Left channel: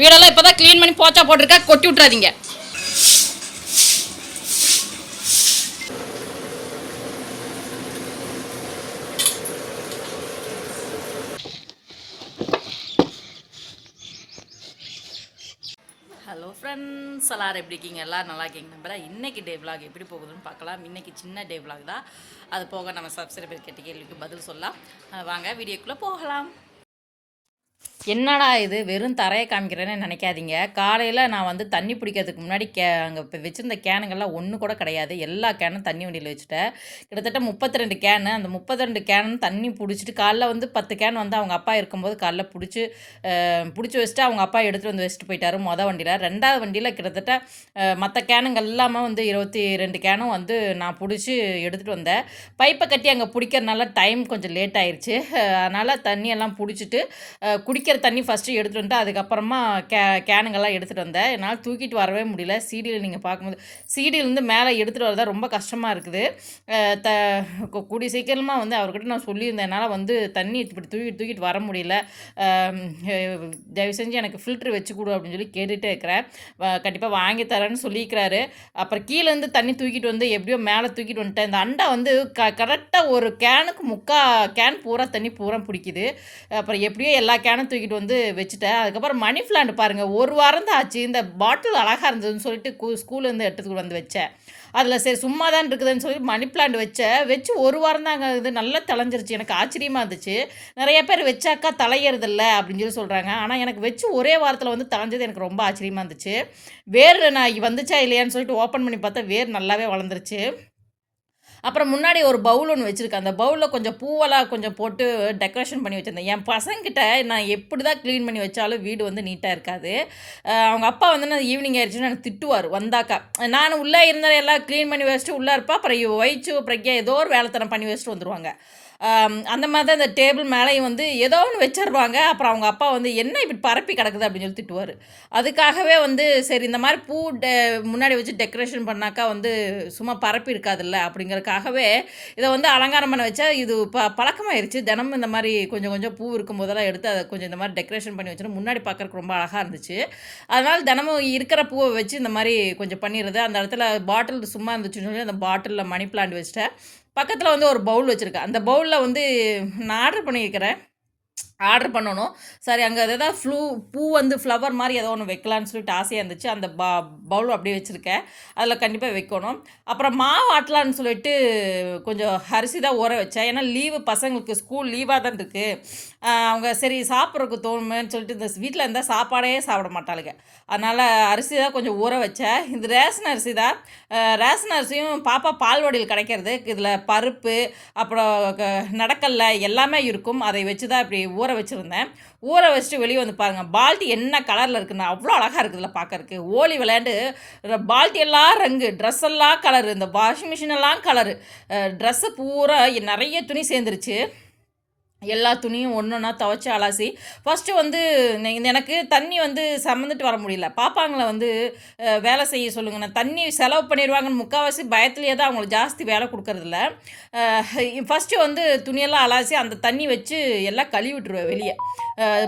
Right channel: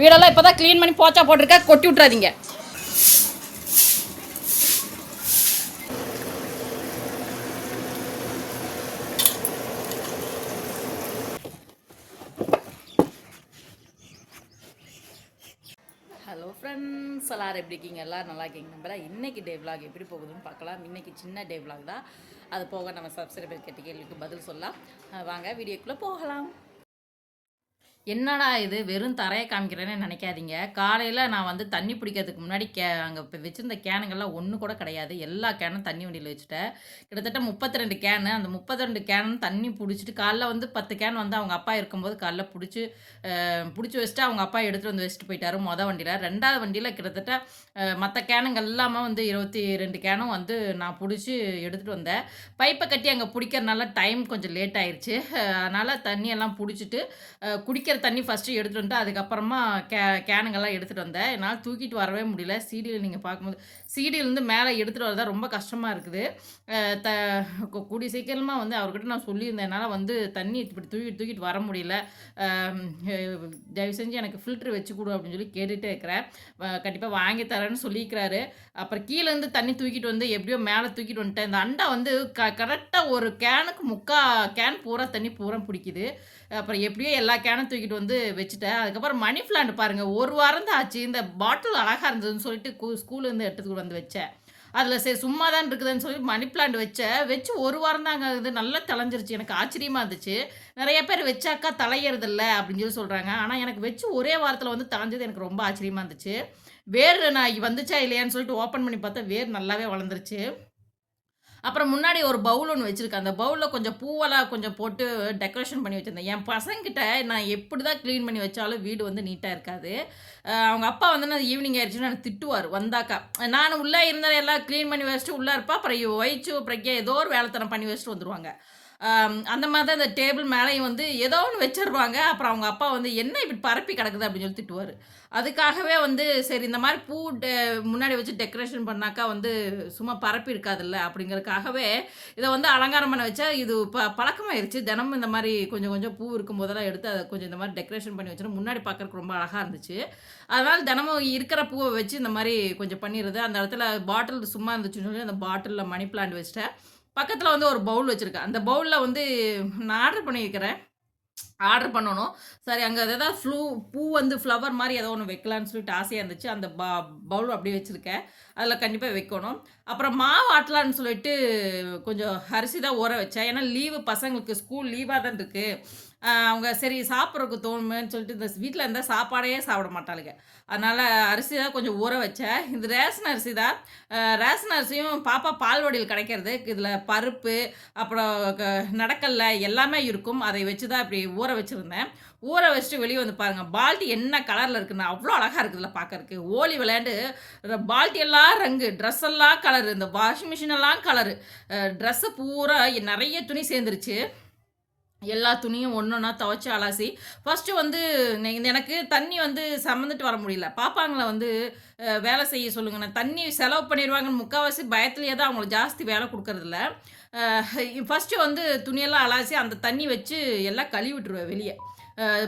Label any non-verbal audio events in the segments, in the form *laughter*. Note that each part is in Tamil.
வீடெல்லாம் இப்போதான் க்ளீன் பண்ணி போச்சா போட்டிருக்க கொட்டி விட்றாதீங்க ஹலோ ஃப்ரெண்ட்ஸ் எல்லாரும் எப்படி இருக்கீங்க? எல்லோரும் நல்லா இருக்கீங்க நம்புறேன் இன்றைக்கி டே vlog எப்படி போகுதுன்னு பார்க்கலாம். இன்றைக்கி சின்ன டே vlog தான். அது போக நம்ம சப்ஸ்கிரைபர் கேட்ட கேள்விக்கு பதில் சொல்லலாம். வாங்க வீடியோக்குள்ளே போகலாம். என்னடா இது? வெறும் தரையை காமிக்கிறேன்னு நினைக்காதீங்க. காலையில் நான் வந்து தண்ணி பிடிக்கிறதுக்கு முன்னாடி கே அங்கே இப்போ வச்சுருந்த கேனுங்கள்லாம் ஒன்று கூட கிடையாது. எல்லா கேனும் தண்ணி வண்டியில் வச்சுட்டேன். கிட்டத்தட்ட முப்பத்தி ரெண்டு கேனு. அந்த முப்பத்தி ரெண்டு கேனும் தண்ணி பிடிச்சிட்டு காலைல வந்து பத்து கேன் வந்து அவங்க அப்பா இருக்கும்போது காலைல பிடிச்சி பிடிச்சி வச்சுட்டு அவங்க அப்பா எடுத்துகிட்டு வந்து வச்சுட்டு போயிட்டாரு மொதல் வண்டியில். ரெண்டாவது வண்டியில் கிட்டத்தட்ட மற்ற கேனுங்கள் எல்லாமே வந்து இருபத்தி ரெண்டு கேனும் வந்து நான் பிடிச்சி எடுத்துகிட்டு வந்தேன். பைப்பை கட்டி அங்கே பிடிக்கிறனால டைம் கொஞ்சம் லேட் ஆயிடுச்சு அதனால் தண்ணியெல்லாம் பிடிச்சிட்டு குடிக்கிற குடிக்கிற தண்ணி ஃபஸ்ட்டு எடுத்துகிட்டு வந்துட்டு அதுக்கப்புறமா கே கேனுங்கெல்லாம் எடுத்துகிட்டு வந்தேன். என்னால் தூக்கிட்டு வரவே முடியல. சீடியில் நீங்கள் பார்க்கும்போது சீடியிலேருந்து மேலே எடுத்துகிட்டு வரதான் ரொம்ப கஷ்டமாக இருக்குது. த கூடிய சீக்கிரமாக வந்து அவர்கிட்ட நான் சொல்லியிருந்தேன். என்னால் வந்து தண்ணி இப்படி தூக்கிட்டு தூக்கிட்டு வர முடியல. தயவு செஞ்சு எனக்கு ஃபில்ட்ரு வச்சு கொடு அப்படின்னு சொல்லி கேட்டுகிட்டே இருக்கிறேன். கண்டிப்பாக வாங்கி தரேன்னு சொல்லியிருக்கிறாரு. அப்புறம் கீழேருந்து தண்ணி தூக்கிட்டு வந்து எப்படியோ மேலே தூக்கிட்டு வந்துட்டேன். இந்த அண்டா வந்து க கரெக்டாக ஒரு கேனுக்கு முக்கா கேன் பூரா தண்ணி பூரா பிடிக்குது. அப்புறம் எப்படியோ எல்லா கேனும் தூக்கிட்டு வந்து வச்சுட்டேன். அதுக்கப்புறம் மணி பிளான்ட் பாருங்கள் ஒரு வாரம் தான் ஆச்சு. இந்த பாட்டில் அழகாக இருந்ததுன்னு சொல்லிட்டு கு- ஸ்கூல்லேருந்து எடுத்துக்கிட்டு வந்து வச்சேன். அதில் சரி சும்மா தான் இருக்குதுன்னு சொல்லி மணி பிளான்ட் வச்சேன். வச்சு ஒரு வாரம் தாங்க இது நல்லா தலைஞ்சிருச்சு எனக்கு ஆச்சரியமாக இருந்துச்சு. நிறைய பேர் வச்சாக்கா தலையறதில்ல அப்படின்னு சொல்லி சொல்கிறாங்க ஆனால் எனக்கு வச்சு ஒரே வாரத்தில் வந்து தலைஞ்சது எனக்கு ரொம்ப ஆச்சரியமாக இருந்துச்சு. வேர் நான் வந்துச்சா இல்லையான்னு சொல்லிட்டு ஓப்பன் பண்ணி பார்த்தா வேர் நல்லாவே வளர்ந்துருச்சு. அப்புறம் முன்னாடி ஒரு பவுல் ஒன்று வச்சுருக்கேன். அந்த பவுலில் கொஞ்சம் பூவெல்லாம் கொஞ்சம் போட்டு டெக்கரேஷன் பண்ணி வச்சுருந்தேன். என் பசங்கிட்ட நான் எப்படி தான் க்ளீன் பண்ணி வச்சாலும் வீடு வந்து நீட்டாக இருக்காது. அவங்க அப்பா வந்து நான் ஈவினிங் ஆயிடுச்சுன்னு எனக்கு திட்டுவார் வந்தாக்கா. நான் உள்ளே இருந்தாலும் எல்லாம் க்ளீன் பண்ணி வச்சுட்டு உள்ளே இருப்பா அப்புறம் ஒயிச்சு பிரக்யா ஏதோ ஒரு வேலைத்தனம் பண்ணி வச்சுட்டு வந்துடுவாங்க அந்த மாதிரி தான் இந்த டேபிள் மேலேயும் வந்து ஏதோ ஒன்று வச்சிருவாங்க. அப்புறம் அவங்க அப்பா வந்து என்ன இப்படி பரப்பி கிடக்குது? அப்படின்னு சொல்லி திட்டுவார். அதுக்காகவே வந்து சரி இந்த மாதிரி பூ டெ முன்னாடி வச்சு டெக்கரேஷன் பண்ணாக்கா வந்து சும்மா பரப்பி இருக்காதுல்ல? அப்படிங்கறதுக்காகவே இதை வந்து அலங்காரம் பண்ண வச்சா இது ப பழக்கமாயிருச்சு. தினமும் இந்த மாதிரி கொஞ்சம் கொஞ்சம் பூ இருக்கும் போதெல்லாம் எடுத்து அதை கொஞ்சம் இந்த மாதிரி டெக்கரேஷன் பண்ணி வச்சுட்டு முன்னாடி பார்க்குறக்கு ரொம்ப அழகாக இருந்துச்சு. அதனால் தினமும் இருக்கிற பூவை வச்சு இந்த மாதிரி கொஞ்சம் பண்ணிடுறது. அந்த இடத்துல பாட்டில் சும்மா இருந்துச்சுன்னு சொல்லி அந்த பாட்டிலில் மணி பிளான்ட் வச்சுட்டேன். பக்கத்தில் வந்து ஒரு பவுல் வச்சுருக்கேன் அந்த பவுலில் வந்து நான் ஆர்டர் பண்ணியிருக்கிறேன். ஆர்டர் பண்ணணும். சரி அங்கே எதாவது ஃப்ளூ பூ வந்து ஃப்ளவர் மாதிரி ஏதோ ஒன்று வைக்கலான்னு சொல்லிட்டு ஆசையாக இருந்துச்சு. அந்த ப பவுல் அப்படியே வச்சுருக்கேன். அதில் கண்டிப்பாக வைக்கணும். அப்புறம் மாவு ஆட்டலான்னு சொல்லிட்டு கொஞ்சம் அரிசி தான் ஊற வச்சேன். ஏன்னா லீவு பசங்களுக்கு ஸ்கூல் லீவாக தான் இருக்குது அவங்க சரி சாப்பிட்றதுக்கு தோணுமேன்னு சொல்லிட்டு இந்த வீட்டில் இருந்தால் சாப்பாடே சாப்பிட மாட்டாளுங்க. அதனால் அரிசி தான் கொஞ்சம் ஊற வச்சேன் இது ரேஷன் அரிசி தான். ரேஷன் அரிசியும் பாப்பா பால்வாடியில் கிடைக்கிறது. இதில் பருப்பு அப்புறம் க- நடக்கல்ல எல்லாமே இருக்கும். அதை வச்சு தான் இப்படி ஊற வச்சுருந்தேன். ஊற வச்சுட்டு வெளியே வந்து பாருங்கள் பால்ட்டி என்ன கலரில் இருக்குன்னா. அவ்வளோ அழகாக இருக்குதுல பார்க்கறக்கு ஓலி விளையாண்டு பால்ட்டி எல்லாம் ரங்கு ட்ரெஸ் எல்லாம் கலரு இந்த வாஷிங் மிஷின் எல்லாம் கலரு ட்ரெஸ்ஸு பூரா நிறைய துணி சேர்ந்துருச்சு. எல்லா துணியும் ஒன்று ஒன்றா துவைச்சி அலாசி ஃபஸ்ட்டு வந்து எனக்கு தண்ணி வந்து சம்மந்துட்டு வர முடியல. பாப்பாங்களை வந்து வேலை செய்ய சொல்லுங்க. நான் தண்ணி செலவு பண்ணிடுவாங்கன்னு முக்கால்வாசி பயத்துலேயே தான் அவங்களுக்கு ஜாஸ்தி வேலை கொடுக்கறதில்ல. ஃபஸ்ட்டு வந்து துணியெல்லாம் அலாசி அந்த தண்ணி வச்சு எல்லாம் கழுவி விட்டுருவேன் வெளியே.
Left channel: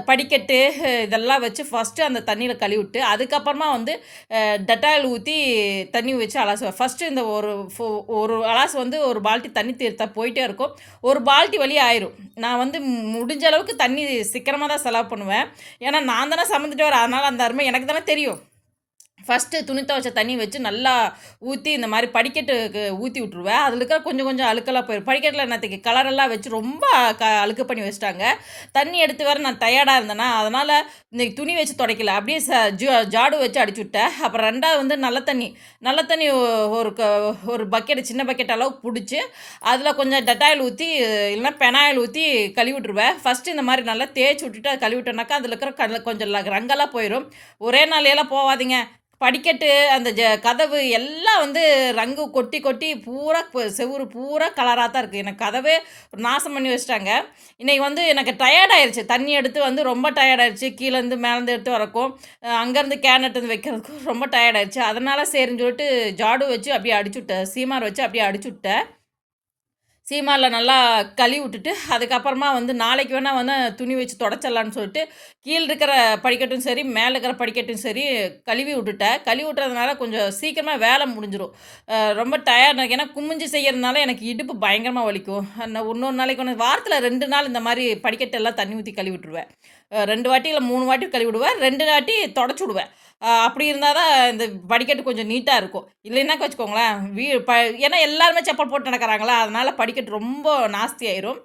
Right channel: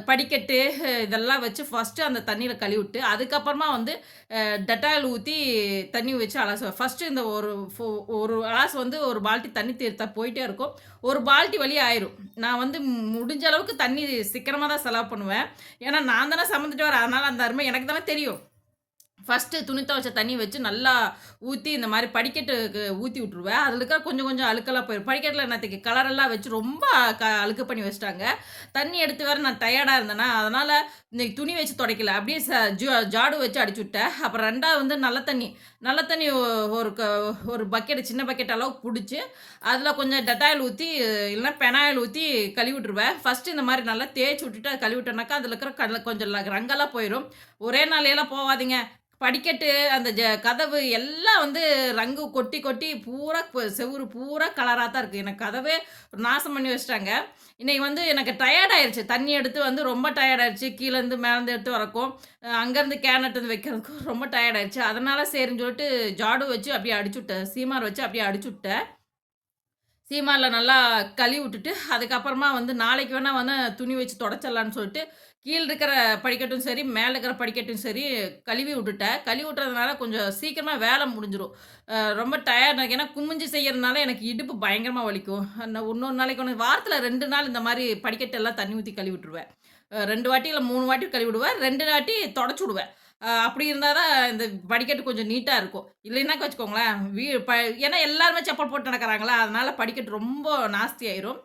படிக்கட்டு இதெல்லாம் வச்சு ஃபஸ்ட்டு அந்த தண்ணியில் கழுவி விட்டு அதுக்கப்புறமா வந்து டெட்டாயில் ஊற்றி தண்ணி வச்சு அலாசுவேன் ஃபஸ்ட்டு இந்த ஒரு ஃபோ- ஒரு அலாசு வந்து ஒரு பால்ட்டி தண்ணி தீர்த்தா போயிட்டே இருக்கும். ஒரு பால்ட்டி வழி ஆயிரும். நான் வந்து முடிஞ்ச அளவுக்கு தண்ணி சீக்கிரமாக தான் செலவு பண்ணுவேன். ஏன்னா நான் தானே சமந்துட்டு வரேன் அதனால் அந்த அருமை எனக்கு தானே தெரியும். ஃபஸ்ட்டு துணி துவைச்ச தண்ணி வச்சு நல்லா ஊற்றி இந்த மாதிரி படிக்கட்டுக்கு ஊற்றி விட்ருவேன் அதில் இருக்கிற கொஞ்சம் கொஞ்சம் அழுக்கெல்லாம் போயிடும் படிக்கட்டில் என்னத்துக்கு? கலரெல்லாம் வச்சு ரொம்ப க அழுக்கு பண்ணி வச்சுட்டாங்க. தண்ணி எடுத்து வேறு நான் டயர்டாக இருந்தேன்னா அதனால் இன்னைக்கு துணி வச்சு துடைக்கல. அப்படியே ச ஜா ஜாடு வச்சு அடிச்சு விட்டேன். அப்புறம் ரெண்டாவது வந்து நல்ல தண்ணி நல்ல தண்ணி ஒரு க ஒரு பக்கெட் சின்ன பக்கெட் அளவுக்கு பிடிச்சி அதில் கொஞ்சம் டெட்டாயில் ஊற்றி இல்லைன்னா பெனாயில் ஊற்றி கழுவி விட்ருவேன் ஃபஸ்ட்டு இந்த மாதிரி நல்லா தேய்ச்சி விட்டுட்டு அதை கழுவி விட்டோன்னாக்கா அதில் இருக்கிற கொஞ்சம் ரங்கெல்லாம் போயிடும் ஒரே நாளையெல்லாம் போகாதீங்க படிக்கட்டு, அந்த ஜ கதவு எல்லாம் வந்து ரங்கு கொட்டி, கொட்டி பூரா ப செவுரு பூரா கலராக தான் இருக்குது எனக்கு கதவே நாசம் பண்ணி வச்சிட்டாங்க இன்றைக்கி வந்து எனக்கு டயர்ட் ஆயிருச்சு. தண்ணி எடுத்து வந்து ரொம்ப டயர்ட் ஆயிருச்சு. கீழேருந்து மேலேருந்து எடுத்து வரக்கும், அங்கேருந்து கேன் எடுத்து வைக்கிறதுக்கும் ரொம்ப டயர்ட் ஆயிருச்சு. அதனால் சரின்னு சொல்லிட்டு ஜாடு வச்சு அப்படியே அடிச்சுட்டேன். சீமார் வச்சு அப்படியே அடிச்சுட்டேன். சீமாவில் நல்லா கழுவி விட்டுட்டு, அதுக்கப்புறமா வந்து நாளைக்கு வேணால் வந்து துணி வச்சு தொடச்சிடலான்னு சொல்லிட்டு, கீழே இருக்கிற படிக்கட்டும் சரி, மேலே இருக்கிற படிக்கட்டும் சரி கழுவி விட்டுட்டேன். கழுவி விட்டுறதுனால கொஞ்சம் சீக்கிரமாக வேலை முடிஞ்சிடும் ரொம்ப டயர்ட் ஏன்னா குமிஞ்சு செய்கிறதுனால எனக்கு இடுப்பு பயங்கரமாக வலிக்கும். நான் இன்னொரு நாளைக்கு ஒன்று வாரத்தில் ரெண்டு நாள் இந்த மாதிரி படிக்கட்டெல்லாம் தண்ணி ஊற்றி கழுவி விட்டுருவேன். ரெண்டு வாட்டி இல்லை மூணு வாட்டி கழுவி விடுவேன். ரெண்டு வாட்டி தொடச்சி விடுவேன். அப்படி இருந்தால் தான் இந்த படிக்கட்டு கொஞ்சம் நீட்டாக இருக்கும். இல்லைன்னாக்க வச்சுக்கோங்களேன், வீ ப ஏன்னா எல்லாருமே செப்பல் போட்டு நடக்கிறாங்களா, அதனால் படிக்கட்டு ரொம்ப நாஸ்தி ஆயிரும்.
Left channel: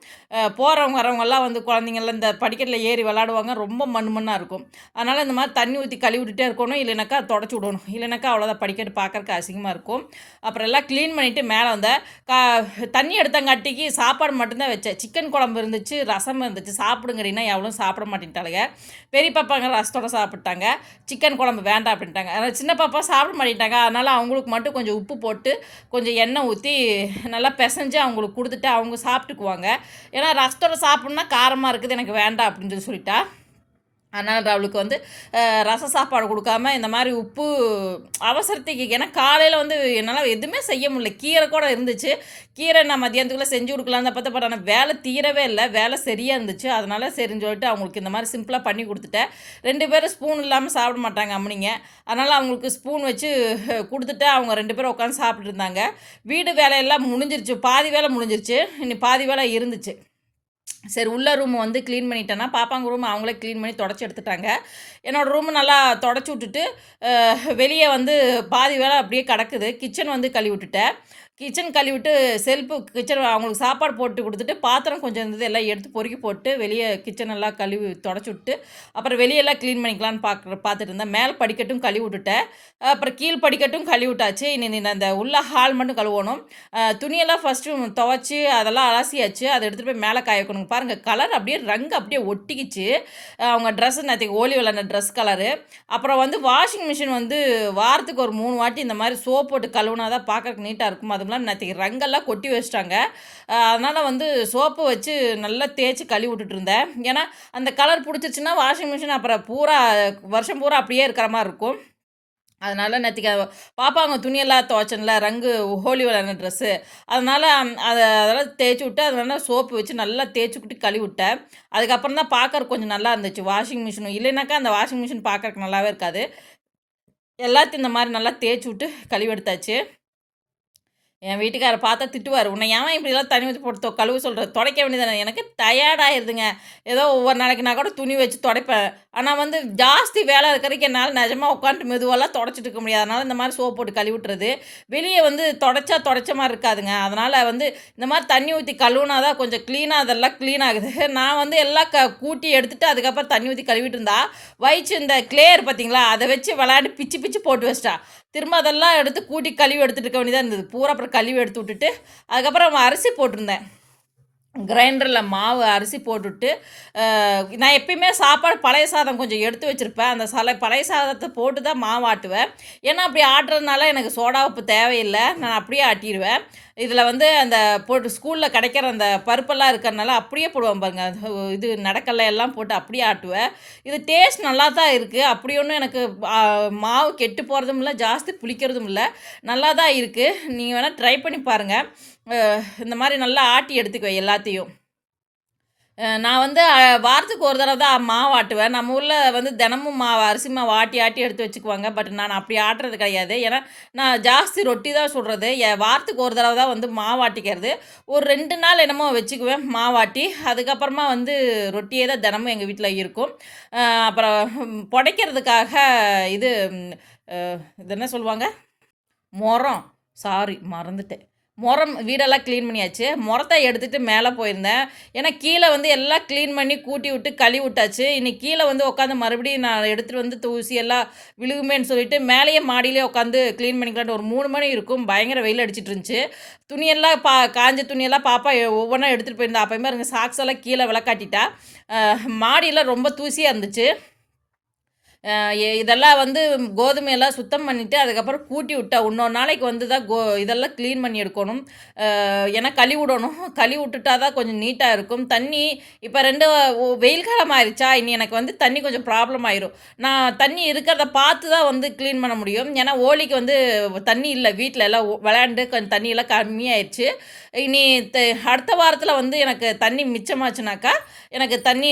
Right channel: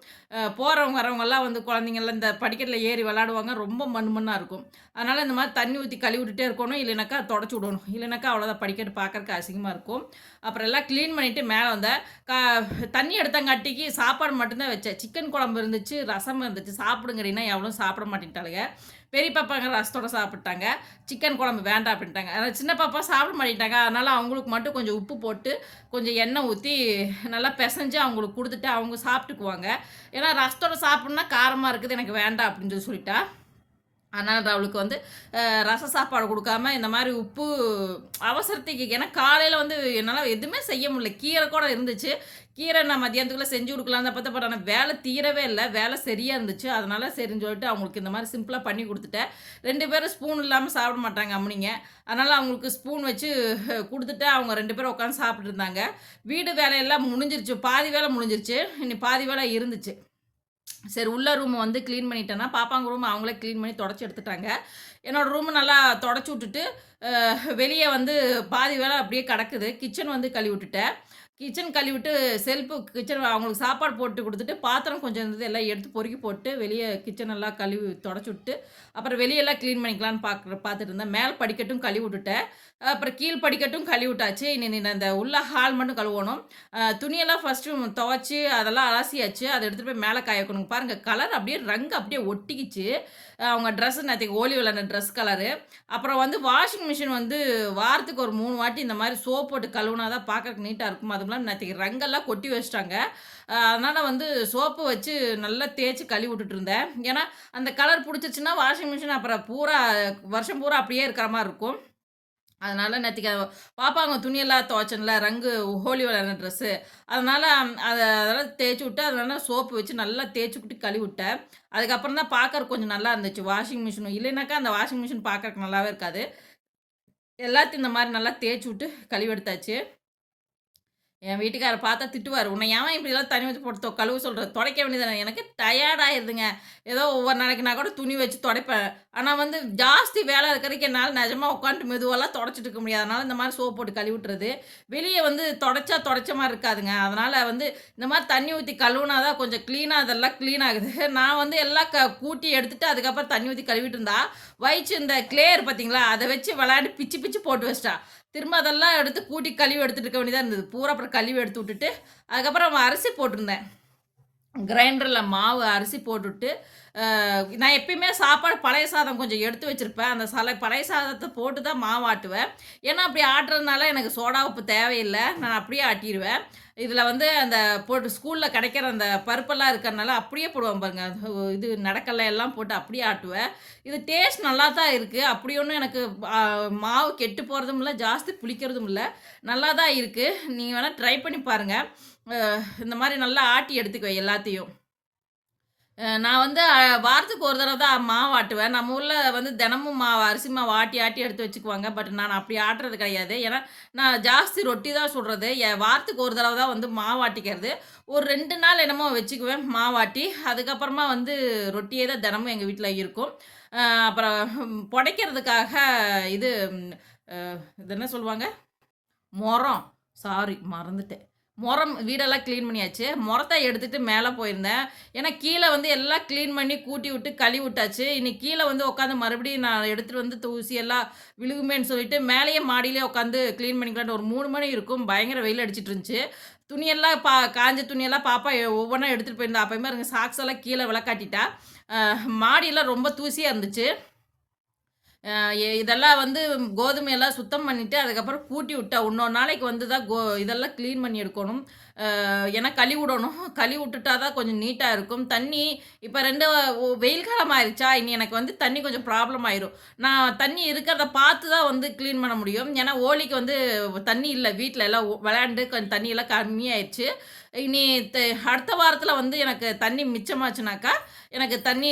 போகிறவங்க வரவங்கெல்லாம் வந்து குழந்தைங்கள்லாம் இந்த படிக்கட்டில் ஏறி விளாடுவாங்க ரொம்ப மண் மண்ணாக இருக்கும். அதனால் இந்த மாதிரி தண்ணி ஊற்றி கழுவி விட்டுட்டே இருக்கணும். இல்லைனாக்கா தொடச்சி விடணும். இல்லைனாக்கா அவ்வளோதான் படிக்கட்டு பார்க்கறக்கு அசிங்கமாக இருக்கும். அப்புறம் எல்லாம் க்ளீன் பண்ணிவிட்டு மேலே வந்த கா தண்ணி எடுத்தங்காட்டிக்கு சாப்பாடு மட்டும்தான் வச்சேன். சிக்கன் குழம்பு இருந்துச்சு, ரசம் இருந்துச்சு. சாப்பிடுங்கிறீங்கன்னா எவ்வளோ சாப்பிட மாட்டேன்ட்டாளுங்க. பெரிய பாப்பாங்க ரசத்தோட சாப்பிட்டாங்க. சிக்கன் குழம்பு வேண்டாம் அப்படின்ட்டாங்க. அதனால் சின்ன பாப்பா சாப்பிட மாட்டேன்ட்டாங்க. அதனால் அவங்களுக்கு மட்டும் கொஞ்சம் உப்பு போட்டு, கொஞ்சம் எண்ணெய் ஊற்றி நல்லா பிசைஞ்சு அவங்களுக்கு கொடுத்துட்டு அவங்க சாப்பிட்டுக்குவாங்க. ஏன்னா ரசத்தோட சாப்பிட்ணுன்னா காரமாக இருக்குது. எனக்கு வேண்டாம் அப்படின்னு சொல்லி சொல்லிட்டா. அதனால் அவளுக்கு வந்து ரச சாப்பாடு கொடுக்காம இந்த மாதிரி உப்பு அவசரத்துக்கு ஏன்னா காலையில் வந்து என்னால் எதுவுமே செய்ய முடியல. கீரை கூட இருந்துச்சு. கீரை நான் மதியானத்துக்குள்ள செஞ்சு கொடுக்கலாம் தான் பார்த்த பட் ஆனால் வேலை தீரவே இல்லை வேலை சரியாக இருந்துச்சு. அதனால் சரின்னு சொல்லிட்டு அவங்களுக்கு இந்த மாதிரி சிம்பிளாக பண்ணி கொடுத்துட்டேன் ரெண்டு பேரும் ஸ்பூன் இல்லாமல் சாப்பிட மாட்டாங்க அம்மனிங்க அதனால் அவங்களுக்கு ஸ்பூன் வச்சு கொடுத்துட்டு அவங்க ரெண்டு பேரும் உட்காந்து சாப்பிட்டுருந்தாங்க வீடு வேலையெல்லாம் முடிஞ்சிருச்சு. பாதி வேலை முடிஞ்சிருச்சு. இனி பாதி வேலை இருந்துச்சு. சரி உள்ள ரூம் வந்து க்ளீன் பண்ணிட்டேன்னா, பாப்பாங்க ரூம் அவங்களே க்ளீன் பண்ணி தொடச்சி எடுத்துட்டாங்க. என்னோடய ரூம் நல்லா தொடச்சி விட்டுட்டு, வெளியே வந்து பாதி வேலை அப்படியே கிடக்குது. கிச்சன் வந்து கழுவி விட்டுட்டேன். கிச்சன் கழுவிட்டு செல்ஃபு கிச்சன் அவங்களுக்கு சாப்பாடு போட்டு கொடுத்துட்டு பாத்திரம் கொஞ்சம் இருந்தது எல்லாம் எடுத்து பொறுக்கி போட்டு, வெளியே கிச்சன் எல்லாம் கழுவி தொடச்சி விட்டு, அப்புறம் வெளியெல்லாம் கிளீன் பண்ணிக்கலான்னு பார்க்குற பார்த்துட்டு இருந்தேன். மேல் படிக்கட்டும் கழுவி விட்டுட்டேன். அப்புறம் கீழ் படிக்கட்டும் கழுவி விட்டாச்சு. இனி அந்த உள்ள ஹால் மட்டும் கழுவணும். துணியெல்லாம் ஃபஸ்ட்டு துவச்சி அதெல்லாம் அலசியாச்சு. அதை எடுத்துகிட்டு போய் மேலே காய வைக்கணும். பாருங்கள் கலர் அப்படியே ரங்கு அப்படியே ஒட்டிக்கிச்சு. அவங்க ட்ரெஸ் நேற்றுக்கு ஓலி விளாண்ட ட்ரெஸ் கலரு. அப்புறம் வந்து வாஷிங் மிஷின் வந்து வாரத்துக்கு ஒரு மூணு வாட்டி இந்த மாதிரி சோப் போட்டு கழுவுனா தான் பார்க்கறக்கு நீட்டாக இருக்கும். அது இல்லாம நேற்றுக்கு ரங்கெல்லாம் கொட்டி வச்சுட்டாங்க. அதனால் வந்து சோப்பு வச்சு நல்லா தேய்ச்சி கழுவி விட்டுட்டு இருந்தேன். ஏன்னா, அந்த கலர் புடிச்சிருச்சுன்னா வாஷிங் மிஷின் அப்புறம் பூரா வருஷம் பூரா அப்படியே இருக்கிற மாதிரி இருக்கும். அதனால் நேற்றுக்கு பாப்பாங்க துணியெல்லாம் துவைச்சேன்ல, ரங்கு ஹோலி விளையாடின ட்ரெஸ்ஸு. அதனால் அதை அதெல்லாம் தேய்ச்சி விட்டு, அதனால் சோப்பு வச்சு நல்லா தேய்ச்சி விட்டு கழுவி விட்டேன். அதுக்கப்புறம் தான் பார்க்கறக்கு கொஞ்சம் நல்லா இருந்துச்சு. வாஷிங் மிஷினும் இல்லைனாக்கா அந்த வாஷிங் மிஷின் பார்க்கறக்கு நல்லாவே இருக்காது. எல்லாத்தையும் இந்த மாதிரி நல்லா தேய்ச்சி விட்டு கழுவி எடுத்தாச்சு. என் வீட்டுக்காரர் பார்த்தா திட்டுவார். உன்னை ஏன் இப்படிலாம் தண்ணி வச்சு போட்டு கழுவு சொல்கிற துடைக்க வேண்டியது எனக்கு டயர்டாயிருதுங்க ஏதோ ஒவ்வொரு நாளைக்கு நான் கூட துணி வச்சு துடைப்பேன். ஆனால் வந்து ஜாஸ்தி வேலை இருக்கிறதுக்கு என்னால் நிஜமாக உட்காந்துட்டு மெதுவெல்லாம் துடைச்சிட்டு இருக்க முடியாது. அதனால் இந்த மாதிரி சோப் போட்டு கழுவி விட்டுறது. வெளியே வந்து துடைச்சா துடைச்ச மாதிரி இருக்காதுங்க. அதனால் வந்து இந்த மாதிரி தண்ணி ஊற்றி கழுவுனா தான் கொஞ்சம் க்ளீனாக அதெல்லாம் க்ளீன் ஆகுது. *laughs* நான் வந்து எல்லாம் க கூட்டி எடுத்துகிட்டு அதுக்கப்புறம் தண்ணி ஊற்றி கழுவிட்டு இருந்தா, வயிற்று இந்த கிளேயர் பார்த்தீங்களா, அதை வச்சு விளையாடி பிச்சு பிச்சு போட்டு வச்சிட்டா திரும்ப அதெல்லாம் எடுத்து கூட்டி கழுவி எடுத்துகிட்டு இருக்க வேண்டியதாக இருந்தது. பூரா அப்புறம் கழுவி எடுத்து விட்டுட்டு, அதுக்கப்புறம் அரிசி போட்டிருந்தேன். கிரைண்டரில் மாவு அரிசி போட்டுட்டு, நான் எப்பயுமே சாப்பாடு பழைய சாதம் கொஞ்சம் எடுத்து வச்சிருப்பேன். அந்த சலை பழைய சாதத்தை போட்டு தான் மாவு ஆட்டுவேன். ஏன்னா அப்படி ஆட்டுறதுனால எனக்கு சோடா உப்பு தேவையில்லை நான் அப்படியே ஆட்டிடுவேன் இதில் வந்து அந்த போட்டு ஸ்கூலில் கிடைக்கிற அந்த பருப்பெல்லாம் இருக்கிறனால அப்படியே போடுவேன் பாருங்க. இது நடக்கல்ல எல்லாம் போட்டு அப்படியே ஆட்டுவேன். இது டேஸ்ட் நல்லா தான் இருக்குது அப்படி ஒன்றும் எனக்கு மாவு கெட்டு போகிறதும் இல்லை ஜாஸ்தி புளிக்கிறதும் இல்லை நல்லா தான் இருக்குது நீங்கள் வேணால் ட்ரை பண்ணி பாருங்கள் இந்த மாதிரி நல்லா ஆட்டி எடுத்துக்குவேன் எல்லாத்தையும். நான் வந்து வாரத்துக்கு ஒரு தடவை தான் மாவு ஆட்டுவேன். நம்ம ஊரில் வந்து தினமும் மாவு அரிசி மாவு ஆட்டி ஆட்டி எடுத்து வச்சுக்குவாங்க. பட் நான் அப்படி ஆட்டுறது கிடையாது. ஏன்னா, நான் ஜாஸ்தி ரொட்டி தான் சொல்கிறது என் வாரத்துக்கு ஒரு தடவை தான் வந்து மாவு ஆட்டிக்கிறது. ஒரு ரெண்டு நாள் என்னமோ வச்சுக்குவேன் மாவாட்டி. அதுக்கப்புறமா வந்து ரொட்டியே தான் தினமும் எங்கள் வீட்டில் இருக்கும். அப்புறம் புடைக்கிறதுக்காக இது இது என்ன சொல்லுவாங்க? மரம் சாரி மறந்துட்டேன். முறம் வீடெல்லாம் க்ளீன் பண்ணியாச்சு. முறத்தை எடுத்துகிட்டு மேலே போயிருந்தேன். ஏன்னா கீழே வந்து எல்லாம் க்ளீன் பண்ணி கூட்டி விட்டு கழுவி விட்டாச்சு. இனி கீழே வந்து உட்காந்து மறுபடியும் நான் எடுத்துகிட்டு வந்து தூசி எல்லாம் விழுகுமேன்னு சொல்லிட்டு, மேலேயே மாடியிலேயே உட்காந்து கிளீன் பண்ணிக்கலான்ட்டு ஒரு மூணு மணி இருக்கும். பயங்கர வெயில் அடிச்சிட்டு இருந்துச்சு. துணியெல்லாம் பா காஞ்ச துணியெல்லாம் பாப்பா ஒவ்வொன்றா எடுத்துகிட்டு போயிருந்தா. அப்போயுமே இருங்க சாக்ஸ் எல்லாம் கீழே விளக்காட்டிட்டா. அ ரொம்ப தூசியாக இருந்துச்சு. இதெல்லாம் வந்து கோதுமையெல்லாம் சுத்தம் பண்ணிவிட்டு அதுக்கப்புறம் கூட்டி விட்டா இன்னொரு நாளைக்கு வந்து தான் கோ இதெல்லாம் க்ளீன் பண்ணி எடுக்கணும். ஏன்னா கழுவி விடணும். கழுவி விட்டுட்டா தான் கொஞ்சம் நீட்டாக இருக்கும். தண்ணி இப்போ ரெண்டு வெயில் காலம் ஆயிடுச்சா இனி எனக்கு வந்து தண்ணி கொஞ்சம் ப்ராப்ளம் ஆயிரும். நான் தண்ணி இருக்கிறத பார்த்து தான் வந்து க்ளீன் பண்ண முடியும். ஏன்னா ஓலிக்கு வந்து தண்ணி இல்லை. வீட்டில் எல்லாம் விளையாண்டு கொஞ்சம் தண்ணியெல்லாம் கம்மியாயிடுச்சு இனி அடுத்த வாரத்தில் வந்து எனக்கு தண்ணி மிச்சமாச்சுனாக்கா எனக்கு தண்ணி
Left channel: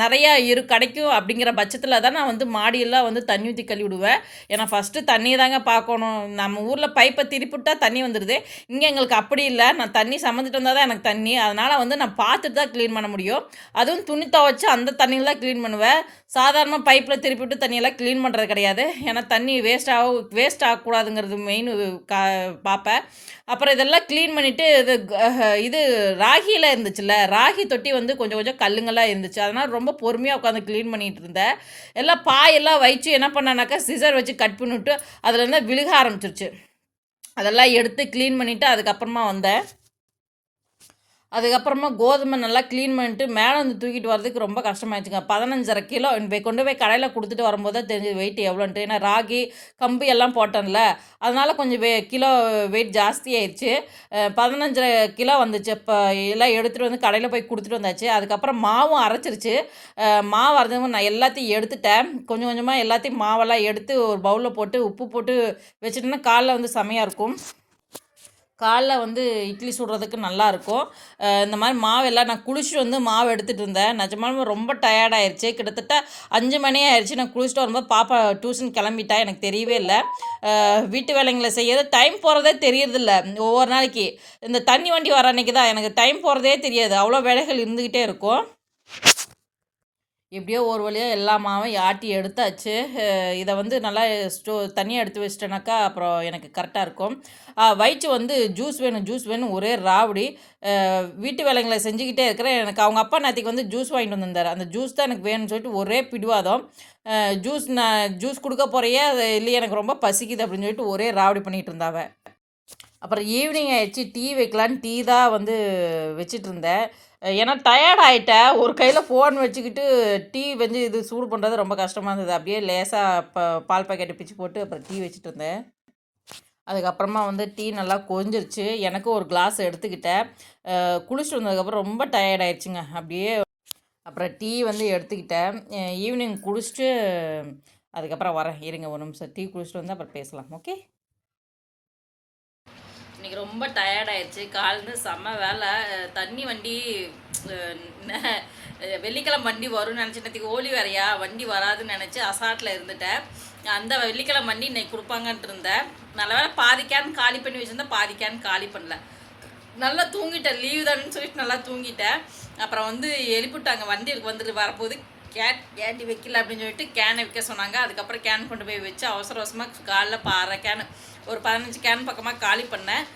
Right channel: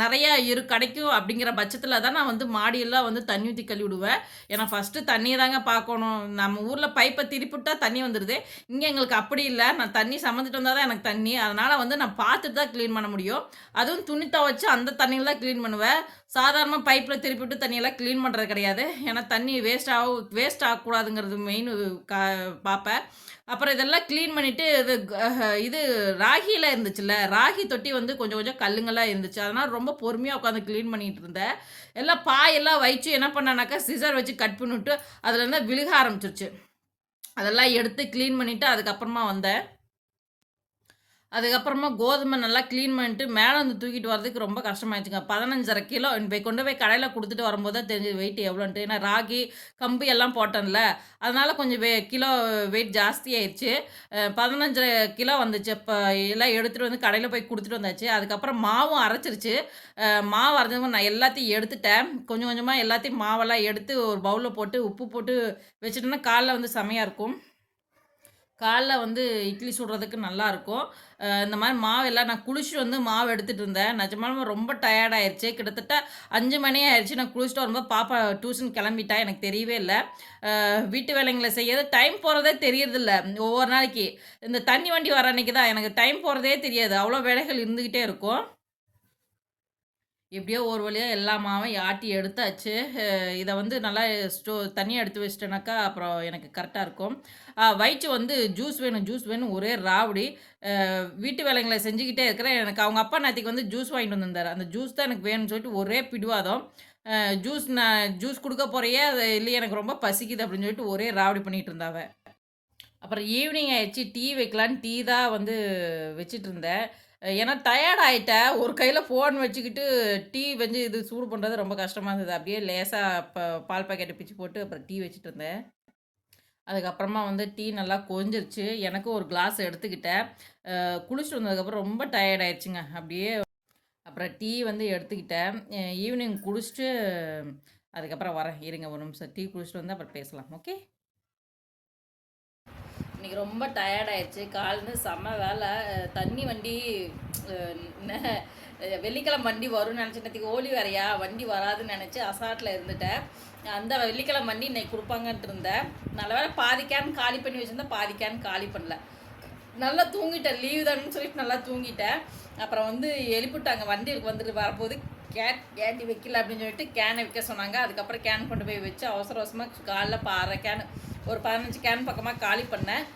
நிறையா இரு கிடைக்கும் அப்படிங்கிற பட்சத்தில் தான் நான் வந்து மாடியெல்லாம் வந்து தண்ணி ஊற்றி கழுவி விடுவேன் ஏன்னா ஃபஸ்ட்டு தண்ணி தாங்க பார்க்கணும். நம்ம ஊரில் பைப்பை திருப்பிவிட்டா தண்ணி வந்துடுது இங்கே எங்களுக்கு அப்படி இல்லை. நான் தண்ணி சம்மந்துட்டு வந்தால் தான் எனக்கு தண்ணி. அதனால் வந்து நான் பார்த்துட்டு தான் க்ளீன் பண்ண முடியும். அதுவும் துணி துவைச்சி அந்த தண்ணியில் தான் க்ளீன் பண்ணுவேன். சாதாரணமாக பைப்பில் திருப்பி விட்டு தண்ணியெல்லாம் க்ளீன் பண்ணுறது கிடையாது. ஏன்னா தண்ணி வேஸ்ட் ஆக வேஸ்ட் ஆகக்கூடாதுங்கிறது மெயின் கா பார்ப்பேன் அப்புறம் இதெல்லாம் க்ளீன் பண்ணிவிட்டு இது இது ராகியில் இருந்துச்சுல்ல ராகி தொட்டி வந்து கொஞ்சம் கொஞ்சம் கல்லுங்கள்லாம் இருந்துச்சு. அதனால் ரொம்ப பொறுமையாக உட்காந்து க்ளீன் பண்ணிகிட்டு இருந்தேன் எல்லாம் பாயெல்லாம் வச்சு என்ன பண்ணானாக்கா சிசர் வச்சு கட் பண்ணிவிட்டு அதில் இருந்தால் விழுக ஆரம்பிச்சிருச்சு. அதெல்லாம் எடுத்து க்ளீன் பண்ணிவிட்டு அதுக்கப்புறமா வந்தேன். அதுக்கப்புறமா கோதுமை நல்லா க்ளீன் பண்ணிட்டு மேலே வந்து தூக்கிட்டு வரதுக்கு ரொம்ப கஷ்டமாயிடுச்சுங்க. பதினஞ்சரை கிலோ போய் கொண்டு போய் கடையில் கொடுத்துட்டு வரும்போது தான் தெரிஞ்சு வெயிட் எவ்வளோன்ட்டு. ஏன்னா ராகி கம்பு எல்லாம் போட்டேன்ல. அதனால் கொஞ்சம் வெ கிலோ வெயிட் ஜாஸ்தி ஆயிடுச்சு. பதினஞ்சரை கிலோ வந்துச்சு. இப்போ எல்லாம் எடுத்துகிட்டு வந்து கடையில் போய் கொடுத்துட்டு வந்தாச்சு. அதுக்கப்புறம் மாவும் அரைச்சிருச்சு. மாவு அரைஞ்சவங்க நான் எல்லாத்தையும் எடுத்துட்டேன். கொஞ்சம் கொஞ்சமாக எல்லாத்தையும் மாவெல்லாம் எடுத்து ஒரு பவுலில் போட்டு உப்பு போட்டு வச்சுட்டோன்னா காலைல வந்து செமையாக இருக்கும். காலைல வந்து இட்லி சுடுறதுக்கு நல்லா இருக்கும் இந்த மாதிரி மாவு எல்லாம் நான் குளிச்சுட்டு வந்து மாவு எடுத்துகிட்டு இருந்தேன். நிஜமாலுமே ரொம்ப டயர்டாயிருச்சு கிட்டத்தட்ட அஞ்சு மணி ஆயிடுச்சு நான் குளிச்சுட்டு வரும்போது பாப்பா டியூஷன் கிளம்பிட்டா. எனக்கு தெரியவே இல்லை. வீட்டு வேலைங்களை செய்யறது டைம் போகிறதே தெரியறதில்ல. ஒவ்வொரு நாளைக்கு. இந்த தண்ணி வண்டி வர அன்னைக்கு தான் எனக்கு டைம் போகிறதே தெரியாது. அவ்வளோ வேலைகள் இருந்துக்கிட்டே இருக்கும். எப்படியோ ஒரு வழியாக எல்லா மாவும் ஆட்டி எடுத்தாச்சு. இதை வந்து நல்லா ஸ்டோ தனியாக எடுத்து வச்சிட்டேனாக்கா அப்புறம் எனக்கு கரெக்டாக இருக்கும். வயிற்று வந்து ஜூஸ் வேணும் ஜூஸ் வேணும் ஒரே ராவடி. வீட்டு வேலைங்களை செஞ்சுக்கிட்டே இருக்கிறேன். எனக்கு அவங்க அப்பா நாத்திக்கு வந்து ஜூஸ் வாங்கிட்டு வந்திருந்தார். அந்த ஜூஸ் தான் எனக்கு வேணும்னு சொல்லிட்டு ஒரே பிடிவாதம். ஜூஸ் நான் ஜூஸ் கொடுக்க போறையே? அது இல்லை எனக்கு ரொம்ப பசிக்குது அப்படின்னு சொல்லிட்டு ஒரே ராவடி பண்ணிகிட்டு இருந்தாவ. அப்புறம் ஈவினிங் ஆயிடுச்சு. டீ வைக்கலான்னு டீ தான் வந்து வச்சிட்டு இருந்தேன். ஏன்னா டயர்ட் ஆகிட்டேன் ஒரு கையில் ஃபோன் வச்சுக்கிட்டு டீ வந்து இது சூடு பண்ணுறது ரொம்ப கஷ்டமாக இருந்தது. அப்படியே லேசாக ப பால் பாக்கெட்டை பிச்சு போட்டு அப்புறம் டீ வச்சுட்டு இருந்தேன். அதுக்கப்புறமா வந்து டீ நல்லா கொஞ்சிருச்சு எனக்கும் ஒரு கிளாஸ் எடுத்துக்கிட்டேன். குளிச்சுட்டு வந்ததுக்கப்புறம் ரொம்ப டயர்ட் ஆயிடுச்சுங்க. அப்படியே அப்புறம் டீ வந்து எடுத்துக்கிட்டேன். ஈவினிங் குடிச்சிட்டு அதுக்கப்புறம் வரேன். இருங்க ஒரு நிமிஷம். டீ குடிச்சிட்டு வந்து அப்புறம் பேசலாம். ஓகே இன்னைக்கு ரொம்ப டயர்ட் ஆயிடுச்சு. செம்ம வேலை. தண்ணி வண்டி வெள்ளிக்கிழமை வண்டி வரும்னு நினச்சினத்துக்கு ஓலி வேறையா? வண்டி வராதுன்னு நினச்சி அசாட்டில் இருந்துட்டேன். அந்த வெள்ளிக்கிழமை வண்டி இன்னைக்கு கொடுப்பாங்கன்ட்டு இருந்தேன். நல்ல வேலை பாதி காலி பண்ணி வச்சுருந்தேன் பாதி காலி பண்ணல. நல்லா தூங்கிட்டேன். லீவ் தானேன்னு சொல்லிட்டு நல்லா தூங்கிட்டேன். அப்புறம் வந்து எழுப்பிட்டாங்க வண்டிக்கு வந்துட்டு வரும்போது கேன் கேட்டி வைக்கல அப்படின்னு சொல்லிட்டு கேனை வைக்க சொன்னாங்க. அதுக்கப்புறம் கேன் கொண்டு போய் வச்சு அவசர அவசரமாக காலைல பாடுற கேனை ஒரு பதினஞ்சு கேன் பக்கமாக காலி பண்ணேன்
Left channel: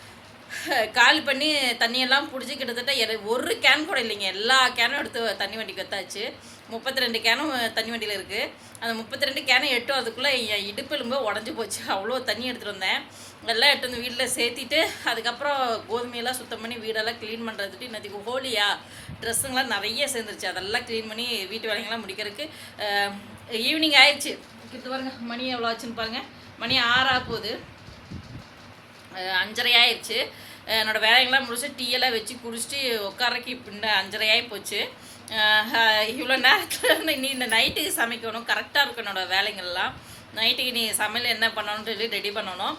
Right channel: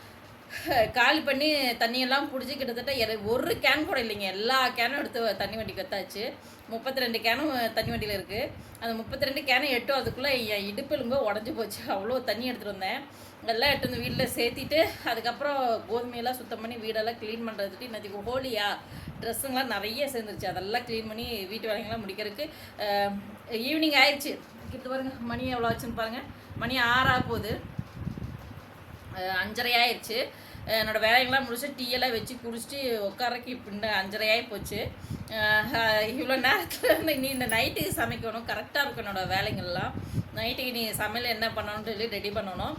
காலி பண்ணி தண்ணியெல்லாம் பிடிச்சி கிட்டத்தட்ட எர- ஒரு கேன் கூட இல்லைங்க. எல்லா கேனும் எடுத்து தண்ணி வண்டிக்கு வத்தாச்சு முப்பத்தி ரெண்டு கேனும் தண்ணி வண்டியில் இருக்குது அந்த முப்பத்தி ரெண்டு கேனை எட்டும் அதுக்குள்ளே என் இடுப்பெலும்பு உடஞ்சி போச்சு. அவ்வளோ தண்ணி எடுத்துகிட்டு வந்தேன். எல்லாம் எடுத்து வந்து வீட்டில் சேர்த்திட்டு அதுக்கப்புறம் கோதுமையெல்லாம் சுத்தம் பண்ணி வீடெல்லாம் க்ளீன் பண்ணுறதுக்கு இன்னைக்கு ஹோலியா ட்ரெஸ்ஸுங்கெலாம் நிறைய சேர்ந்துருச்சு. அதெல்லாம் க்ளீன் பண்ணி வீட்டு வேலைங்கெல்லாம் முடிக்கிறதுக்கு ஈவினிங் ஆயிடுச்சு. கிட்ட பாருங்க மணி எவ்வளோ ஆச்சுன்னு பாருங்க. மணி ஆறா போகுது. அஞ்சரை ஆயிடுச்சு என்னோட வேலைங்கெல்லாம் முடிச்சு டீ எல்லாம் வச்சு குடிச்சிட்டு உட்காரக்கு பின்ன அஞ்சரையாகி போச்சு. இவ்வளோ நேரத்தில் நீ இந்த நைட்டுக்கு சமைக்கணும். கரெக்டாக இருக்கும் என்னோட வேலைங்கள்லாம் நைட்டுக்கு நீ சமையல் என்ன பண்ணணும்னு சொல்லி ரெடி பண்ணணும்.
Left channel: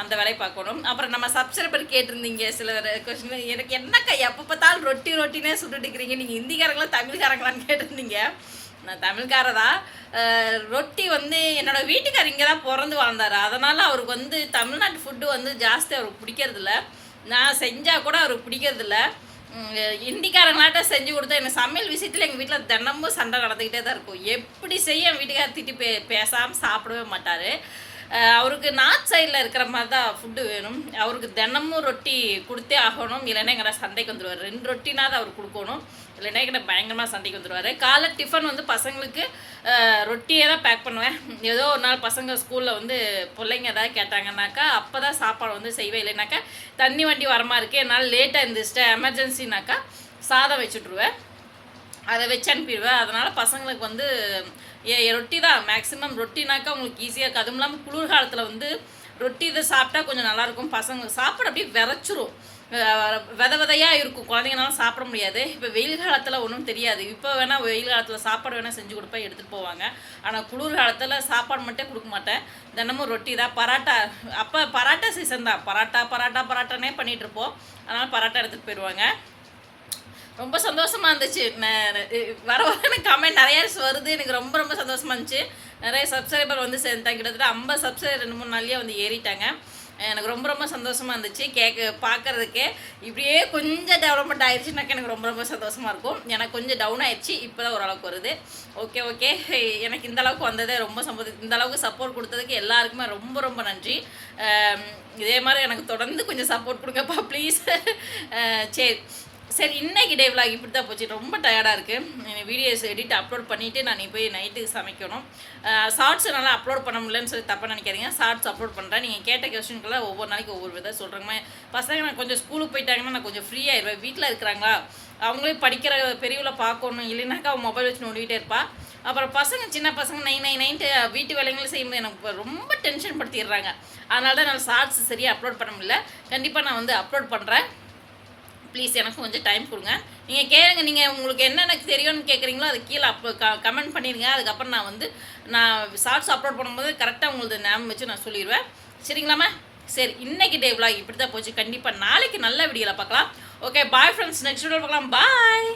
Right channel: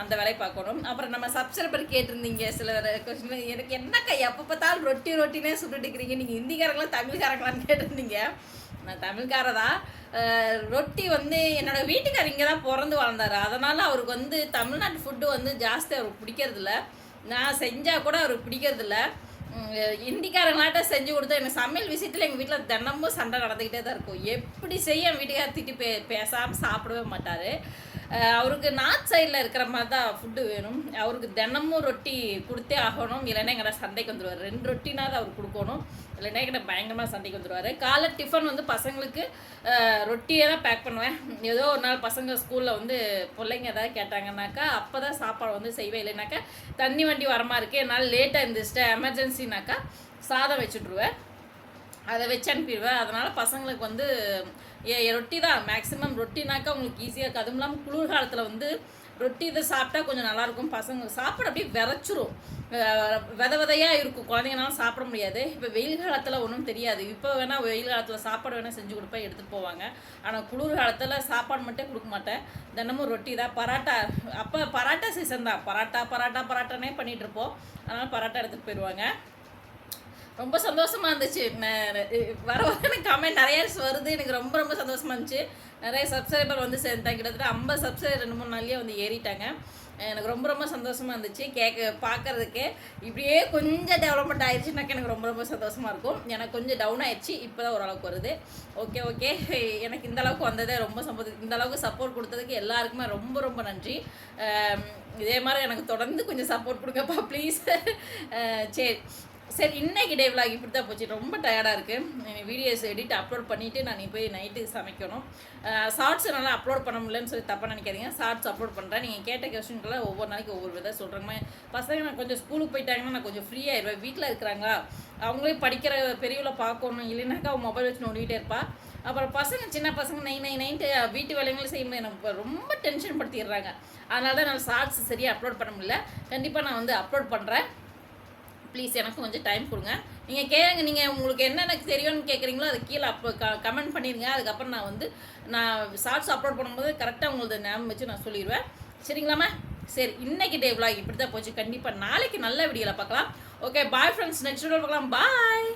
அந்த வேலையை பார்க்கணும். அப்புறம் நம்ம சப்ஸ்கிரைபர் கேட்டிருந்தீங்க சில கொஸ்டின் எனக்கு என்னக்கா எப்போ பார்த்தாலும் ரொட்டி ரொட்டினே சுட்டுட்டு இருக்கிறீங்க. நீங்கள் ஹிந்திக்காரங்களா தமிழ்காரங்களான்னு கேட்டிருந்தீங்க. நான் தமிழ்காரதா தான் ரொட்டி வந்து என்னோட வீட்டுக்காரர் இங்கே தான் பிறந்து வாழ்ந்தார். அதனால் அவருக்கு வந்து தமிழ்நாட்டு ஃபுட்டு வந்து ஜாஸ்தி அவருக்கு பிடிக்கிறதில்ல. நான் செஞ்சால் கூட அவருக்கு பிடிக்கிறதில்ல. இந்திக்காரங்களாட்ட செஞ்சு கொடுத்தா எனக்கு சமையல் விஷயத்தில் எங்கள் வீட்டில் தினமும் சண்டை நடந்துக்கிட்டே தான் இருக்கும். எப்படி செய்ய என் வீட்டுக்காரர் திட்டி பே பேசாமல் சாப்பிடவே மாட்டார். அவருக்கு நார்த் சைடில் இருக்கிற மாதிரி தான் ஃபுட்டு வேணும். அவருக்கு தினமும் ரொட்டி கொடுத்தே ஆகணும். இல்லைன்னா எங்களை சந்தைக்கு வந்துடுவார் ரெண்டு ரொட்டினாவது அவர் கொடுக்கணும். இல்லைன்னா எங்களை பயங்கரமாக சந்தைக்கு வந்துடுவார் காலை டிஃபன் வந்து பசங்களுக்கு ரொட்டியே தான் பேக் பண்ணுவேன். ஏதோ ஒரு நாள் பசங்க ஸ்கூலில் வந்து பிள்ளைங்க ஏதாவது கேட்டாங்கன்னாக்கா அப்போ தான் சாப்பாடு வந்து செய்வேன். இல்லைனாக்கா தண்ணி வண்டி வரமா இருக்கு. என்னால் லேட்டாக இருந்துச்சுட்டு எமர்ஜென்சினாக்கா சாதம் வச்சுட்ருவேன் அதை வச்சு அனுப்பிடுவேன். அதனால் பசங்களுக்கு வந்து ரொட்டி தான். மேக்ஸிமம் ரொட்டினாக்கா உங்களுக்கு ஈஸியாக இருக்கும். அதுவும் இல்லாமல் குளிர்காலத்தில் வந்து ரொட்டி இதை சாப்பிட்டா கொஞ்சம் நல்லாயிருக்கும் பசங்க சாப்பிட அப்படியே விரைச்சிரும். வித விதையாக இருக்கும். குழந்தைங்கனால சாப்பிட முடியாது. இப்போ வெயில் காலத்தில் ஒன்றும் தெரியாது. இப்போ வேணால் வெயில் காலத்தில் சாப்பாடு வேணால் செஞ்சு கொடுப்பேன் எடுத்துகிட்டு போவாங்க. ஆனால் குளிர் காலத்தில் சாப்பாடு மட்டும் கொடுக்க மாட்டேன். தினமும் ரொட்டி தான். பராட்டா அப்போ பராட்டா சீசன் தான். பராட்டா பராட்டா பராட்டானே பண்ணிகிட்ருப்போம் அதனால் பராட்டா எடுத்துகிட்டு போயிடுவாங்க ரொம்ப சந்தோஷமா இருந்துச்சு. வர வர எனக்கு கமெண்ட் நிறைய வருது. எனக்கு ரொம்ப ரொம்ப சந்தோஷமா இருந்துச்சு. நிறைய சப்ஸ்கிரைபர் வந்து சேர்ந்தாங்க கிட்டத்தட்ட ஐம்பது சப்ஸ்கிரைபர் ரெண்டு மூணு நாள்லேயே வந்து ஏறிட்டாங்க. எனக்கு ரொம்ப ரொம்ப சந்தோஷமா இருந்துச்சு. கேட்க பார்க்கறதுக்கே இப்படியே கொஞ்சம் டெவலப்மெண்ட் ஆயிடுச்சுனாக்கா எனக்கு ரொம்ப ரொம்ப சந்தோஷமா இருக்கும். எனக்கு கொஞ்சம் டவுன் ஆயிடுச்சு இப்போ தான் ஓரளவுக்கு வருது. ஓகே ஓகே எனக்கு இந்த அளவுக்கு வந்ததே ரொம்ப சம்பது இந்த அளவுக்கு சப்போர்ட் கொடுத்ததுக்கு எல்லாருக்குமே ரொம்ப ரொம்ப நன்றி. இதே மாதிரி எனக்கு தொடர்ந்து கொஞ்சம் சப்போர்ட் கொடுங்கப்பா ப்ளீஸ் சரி. சரி இன்னைக்கு டே vlog இப்படி தான் போச்சு. ரொம்ப டயர்டாக இருக்குது வீடியோஸ் எடிட் அப்லோட் பண்ணிவிட்டு நான் போய் நைட்டு சமைக்கணும். ஷார்ட்ஸ் நல்லா அப்லோட் பண்ண முடியலன்னு சொல்லி தப்பாக நினைக்காதீங்க. ஷார்ட்ஸ் அப்லோட் பண்ணுறேன் நீங்கள் கேட்ட கொஸ்டின்கெல்லாம் ஒவ்வொரு நாளைக்கு ஒவ்வொரு விதம் சொல்கிறேங்க பசங்க நான் கொஞ்சம் ஸ்கூலுக்கு போயிட்டாங்கன்னா நான் கொஞ்சம் ஃப்ரீயாக இருப்பேன். வீட்டில் இருக்கிறாங்களா? அவங்களே படிக்கிற பெரியவளை பார்க்கணும். இல்லைனாக்கா அவன் மொபைல் வச்சு நோண்டிகிட்டே இருப்பா. அப்புறம் பசங்க சின்ன பசங்க நைன் நைன் நைன்ட்டு வீட்டு வேலைங்களும் செய்யும்போது எனக்கு ரொம்ப டென்ஷன் படுத்திடுறாங்க. அதனால தான் நான் ஷார்ட்ஸ் சரியாக அப்லோட் பண்ண முடியல. கண்டிப்பாக நான் வந்து அப்லோட் பண்ணுறேன் ப்ளீஸ் எனக்கு கொஞ்சம் டைம் கொடுங்க. நீங்கள் கேளுங்க நீங்கள் உங்களுக்கு என்ன எனக்கு தெரியும்னு கேட்குறீங்களோ அது கீழே அப்போ க கமெண்ட் பண்ணிடுங்க. அதுக்கப்புறம் நான் வந்து நான் ஷார்ட்ஸ் அப்லோட் பண்ணும்போது கரெக்டாக உங்களுக்கு ஞாபகம் வச்சு நான் சொல்லிடுவேன். சரிங்களாம்மா? சரி இன்னைக்கு டே vlog இப்படி தான் போச்சு. கண்டிப்பாக நாளைக்கு நல்ல வீடியோவில் பார்க்கலாம். Okay bye friends next video பார்க்கலாம். பாய்